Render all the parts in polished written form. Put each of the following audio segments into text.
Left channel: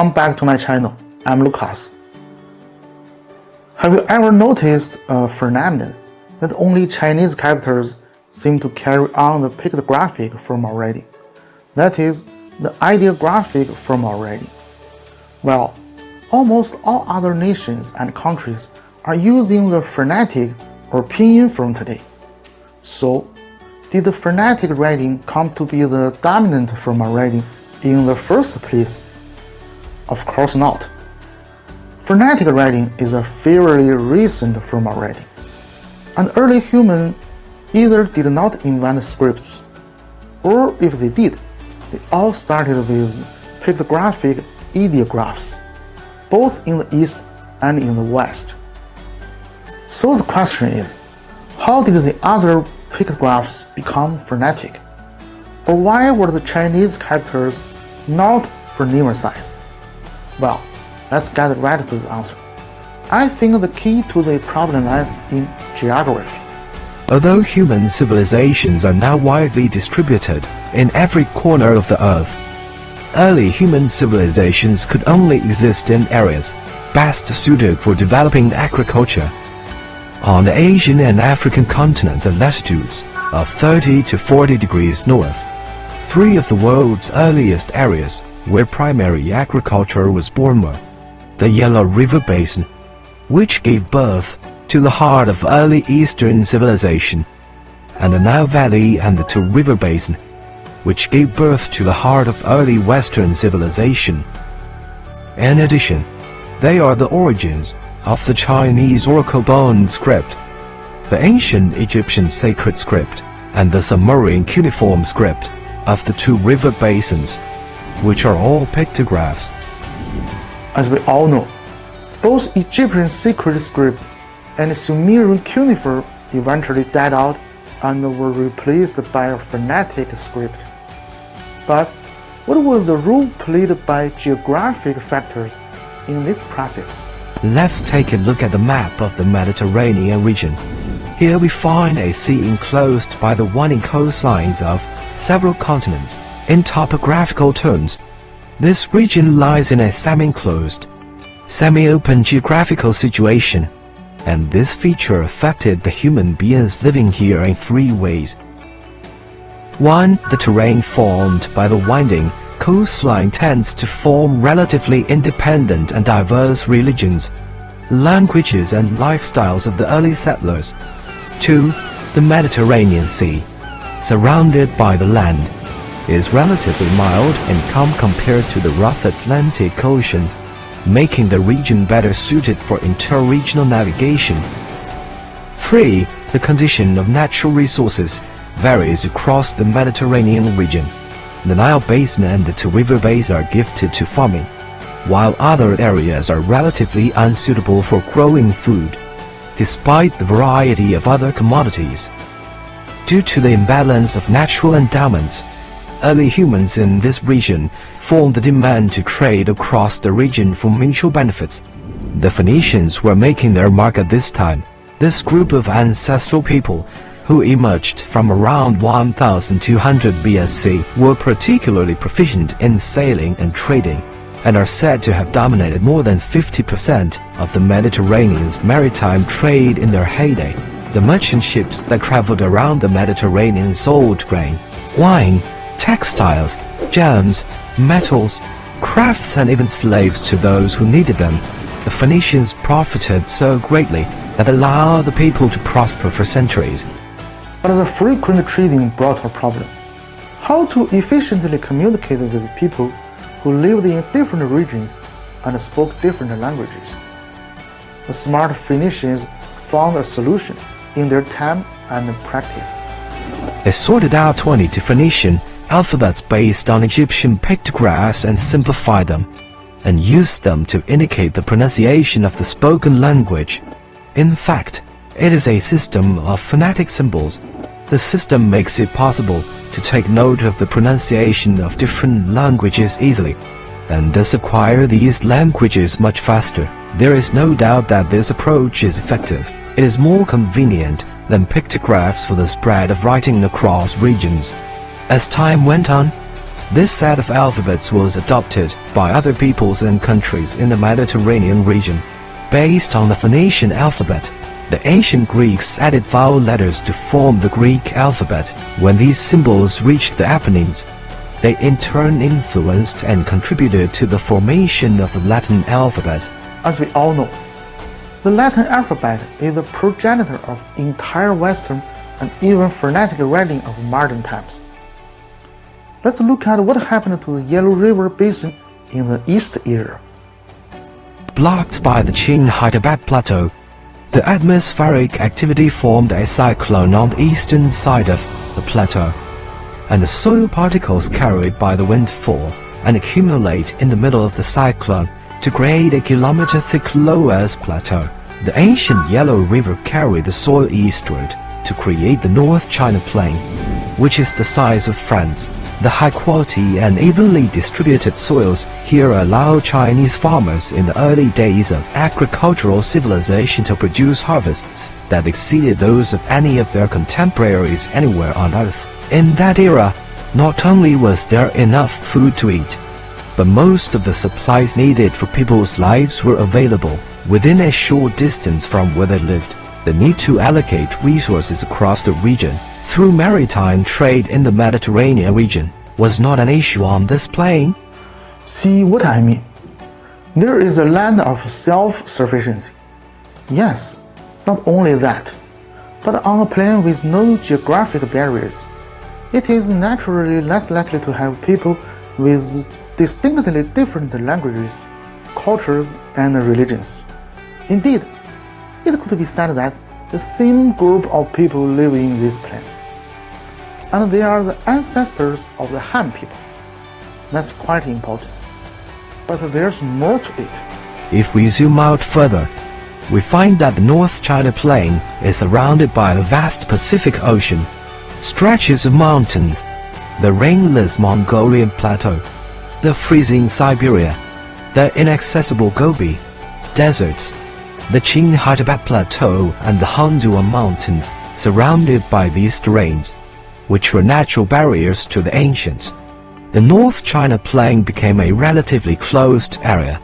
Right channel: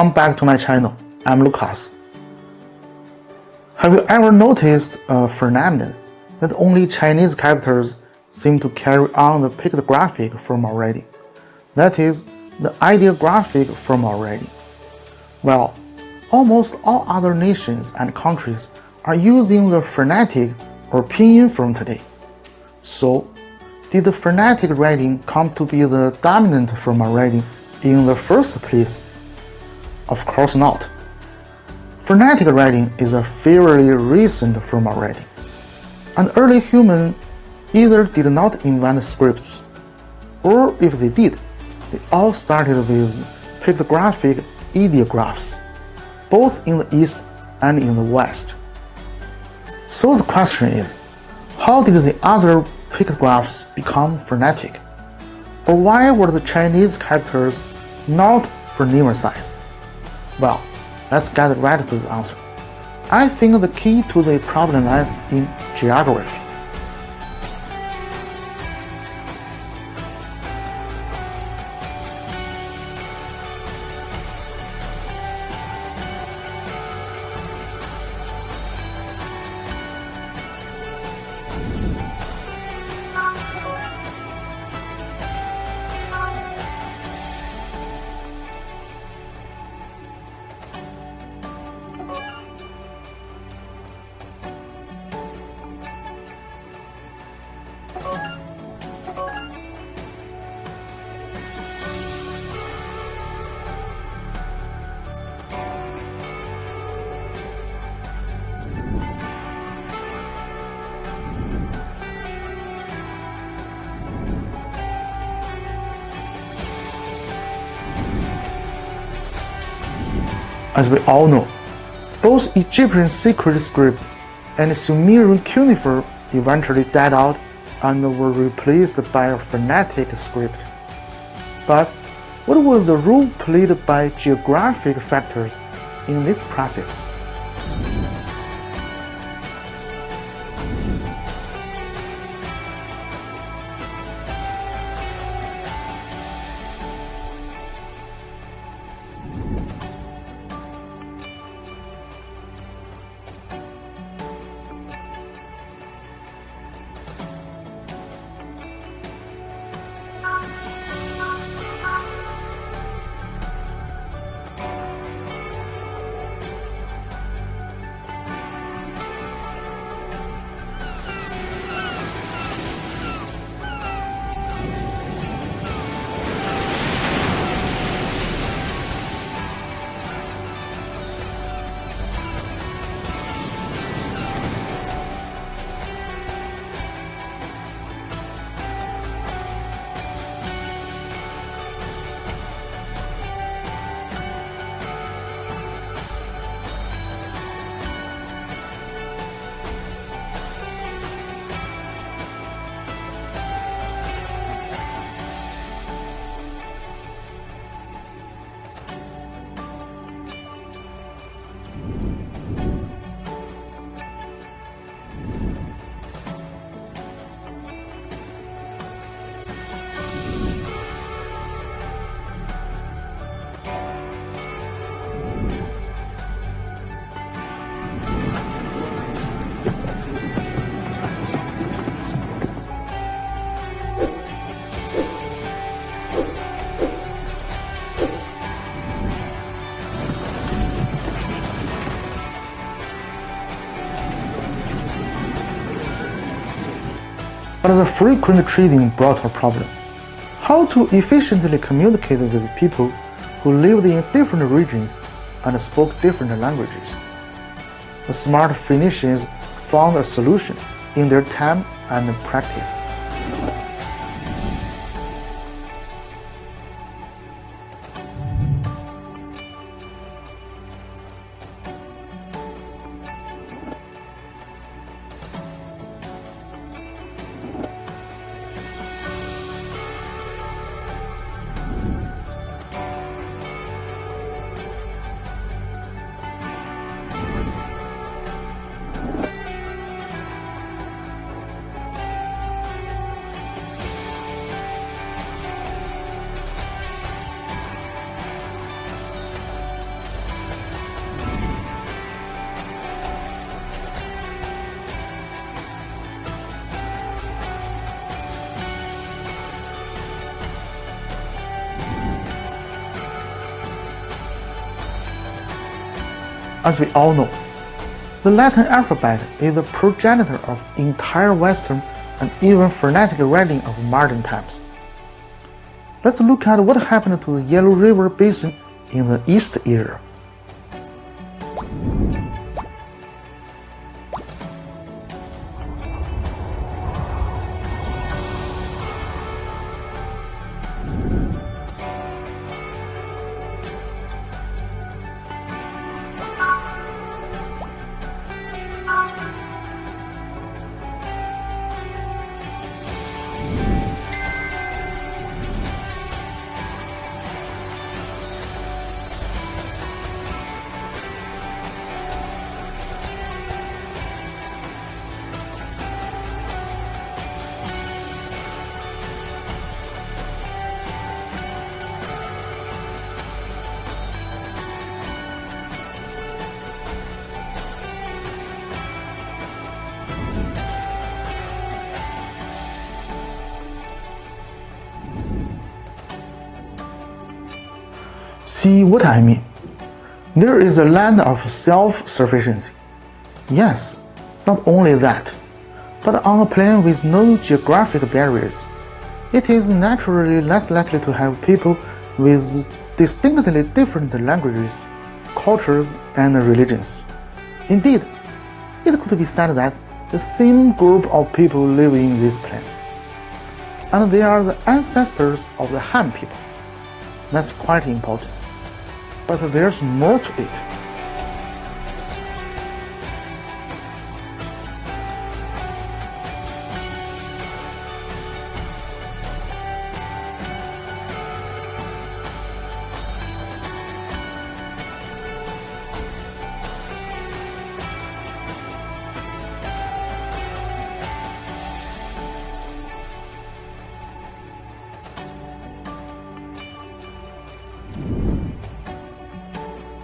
Welcome back to my channel. I'm Lucas. Have you ever noticed a phenomenon that only Chinese characters seem to carry on the pictographic form already? That is, the ideographic form already. Well, almost all other nations and countries are using the phonetic or pinyin form today. So, did the phonetic writing come to be the dominant form already in the first place? Of course not. Phonetic writing is a fairly recent form already, and early humans either did not invent scripts, or if they did, they all started with pictographic ideographs, both in the East and in the West. So the question is, how did the other pictographs become phonetic? Or why were the Chinese characters not phonemicized? Well, let's get right to the answer. I think the key to the problem lies in geography. Although human civilizations are now widely distributed in every corner of the earth, early human civilizations could only exist in areas best suited for developing agriculture. On the Asian and African continents at latitudes of 30 to 40 degrees north, three of the world's earliest areas where primary agriculture was born were the Yellow River Basin, which gave birth to the heart of early Eastern civilization, and the Nile Valley and the Two River Basin, which gave birth to the heart of early Western civilization. In addition, they are the origins of the Chinese oracle bone script, the ancient Egyptian sacred script, and the Sumerian cuneiform script of the Two River Basins, which are all pictographs. As we all know, both Egyptian sacred script and Sumerian cuneiform eventually died out and were replaced by a phonetic script. But what was the role played by geographic factors in this process? Let's take a look at the map of the Mediterranean region. Here we find a sea enclosed by the winding coastlines of several continents. In topographical terms, this region lies in a semi-enclosed, semi-open geographical situation, and this feature affected the human beings living here in three ways. 1. The terrain formed by the winding coastline tends to form relatively independent and diverse religions, languages and lifestyles of the early settlers. 2. The Mediterranean Sea, surrounded by the land, is relatively mild and calm compared to the rough Atlantic Ocean, making the region better suited for interregional navigation. 3. The condition of natural resources varies across the Mediterranean region. The Nile Basin and the Two River Basin are gifted to farming, while other areas are relatively unsuitable for growing food, despite the variety of other commodities. Due to the imbalance of natural endowments, early humans in this region formed the demand to trade across the region for mutual benefits. The Phoenicians were making their mark at this time. This group of ancestral people, who emerged from around 1200 BSC, were particularly proficient in sailing and trading, and are said to have dominated more than 50% of the Mediterranean's maritime trade in their heyday. The merchant ships that traveled around the Mediterranean sold grain, wine, textiles, gems, metals, crafts, and even slaves to those who needed them. The Phoenicians profited so greatly that allowed the people to prosper for centuries. But the frequent trading brought a problem. How to efficiently communicate with people who lived in different regions and spoke different languages? The smart Phoenicians found a solution in their time and practice. They sorted out 22 Phoenician alphabets based on Egyptian pictographs and simplified them, and used them to indicate the pronunciation of the spoken language. In fact, it is a system of phonetic symbols. The system makes it possible to take note of the pronunciation of different languages easily, and thus acquire these languages much faster. There is no doubt that this approach is effective. It is more convenient than pictographs for the spread of writing across regions. As time went on, This set of alphabets was adopted by other peoples and countries in the Mediterranean region. Based on the Phoenician alphabet, the ancient Greeks added vowel letters to form the Greek alphabet. When these symbols reached the Apennines, they in turn influenced and contributed to the formation of the Latin alphabet. As we all know, the Latin alphabet is the progenitor of entire Western and even phonetic writing of modern times. Let's look at what happened to the Yellow River Basin in the East era. Blocked by the Qin-Hyderabad Plateau, the atmospheric activity formed a cyclone on the eastern side of the plateau, and the soil particles carried by the wind fall and accumulate in the middle of the cyclone to create a kilometer-thick loess plateau. The ancient Yellow River carried the soil eastward to create the North China Plain, which is the size of France. The high-quality and evenly distributed soils here allowed Chinese farmers in the early days of agricultural civilization to produce harvests that exceeded those of any of their contemporaries anywhere on earth. In that era, not only was there enough food to eat, but most of the supplies needed for people's lives were available within a short distance from where they lived. The need to allocate resources across the region through maritime trade in the Mediterranean region was not an issue on this plain. See what I mean? There is a land of self-sufficiency. Yes, not only that, but on a plain with no geographic barriers, it is naturally less likely to have people with distinctly different languages, cultures, and religions. Indeed, it could be said that the same group of people live in this plain, and they are the ancestors of the Han people. That's quite important. But there's more to it. If we zoom out further, we find that the North China Plain is surrounded by the vast Pacific Ocean, stretches of mountains, the rainless Mongolian Plateau, the freezing Siberia, the inaccessible Gobi, deserts, the Qin-Hyderabad Plateau and the Handuan Mountains surrounded by these terrains, which were natural barriers to the ancients. The North China Plain became a relatively closed area,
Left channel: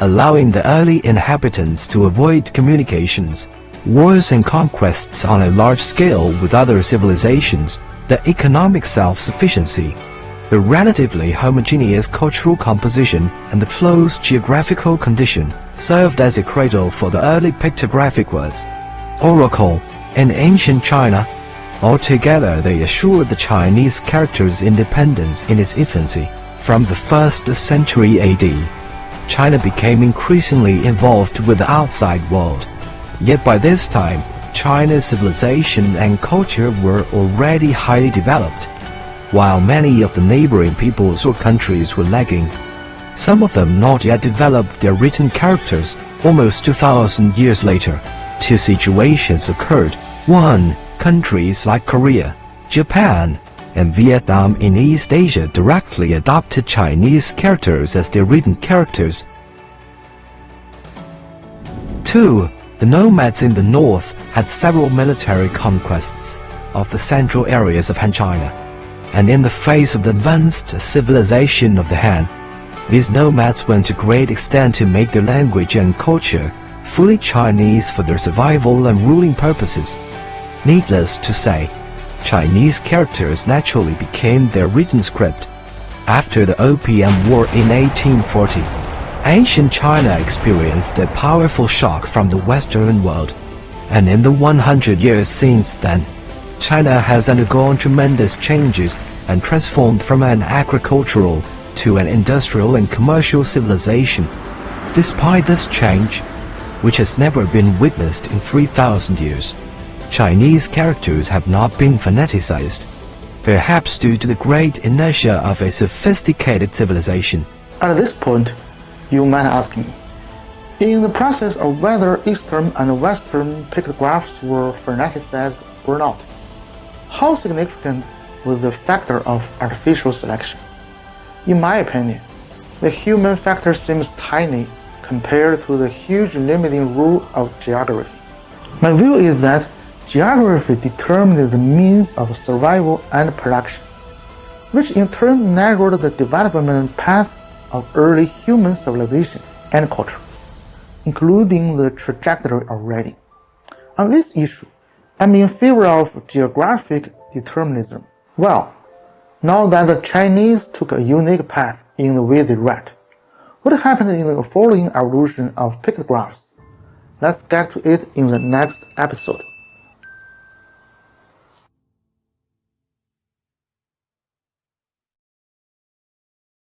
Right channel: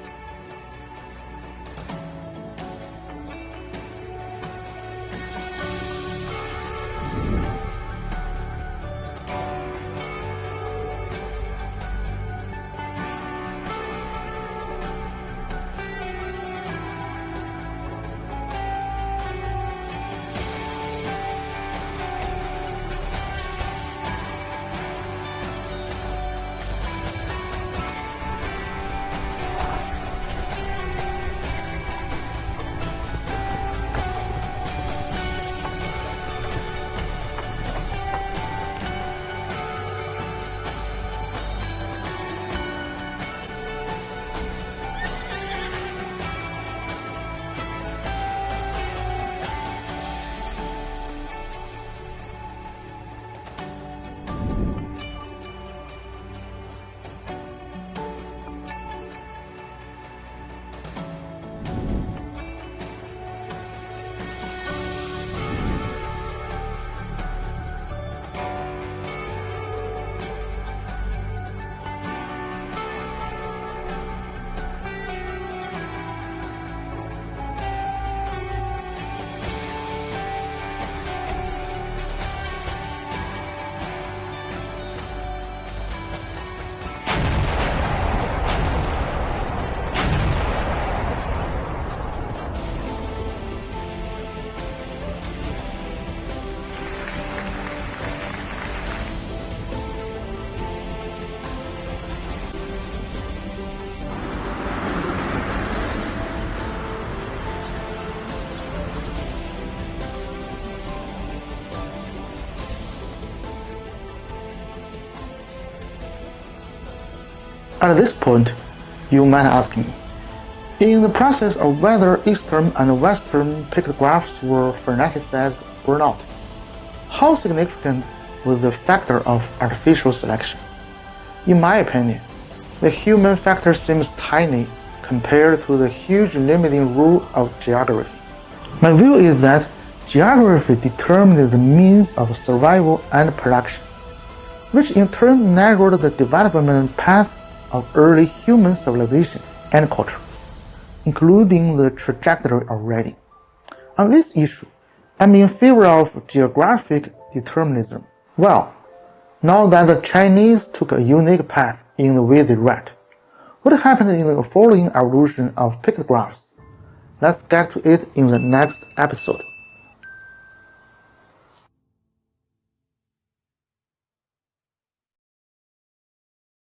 allowing the early inhabitants to avoid communications, wars and conquests on a large scale with other civilizations, the economic self-sufficiency, the relatively homogeneous cultural composition and the close geographical condition served as a cradle for the early pictographic words. Oracle in ancient China. Altogether, they assured the Chinese character's independence in its infancy. From the 1st century AD, China became increasingly involved with the outside world. Yet by this time, China's civilization and culture were already highly developed, while many of the neighboring peoples or countries were lagging. Some of them not yet developed their written characters. Almost 2,000 years later, two situations occurred. 1. Countries like Korea, Japan, and Vietnam in East Asia directly adopted Chinese characters as their written characters. 2. The nomads in the north had several military conquests of the central areas of Han China, and in the face of the advanced civilization of the Han, these nomads went to great extent to make their language and culture fully Chinese for their survival and ruling purposes. Needless to say, Chinese characters naturally became their written script. After the Opium War in 1840, ancient China experienced a powerful shock from the Western world, and in the 100 years since then, China has undergone tremendous changes and transformed from an agricultural to an industrial and commercial civilization. Despite this change, which has never been witnessed in 3,000 years, Chinese characters have not been phoneticized, perhaps due to the great inertia of a sophisticated civilization. At this point, you might ask me, in the process of whether Eastern and Western pictographs were phoneticized or not, how significant was the factor of artificial selection? In my opinion, the human factor seems tiny compared to the huge limiting rule of geography. My view is that geography determined the means of survival and production. which in turn narrowed the development path of early human civilization and culture, including the trajectory of writing. On this issue, I'm in favor of geographic determinism. Well, now that the Chinese took a unique path in the way they write, what happened in the following evolution of pictographs? Let's get to it in the next episode.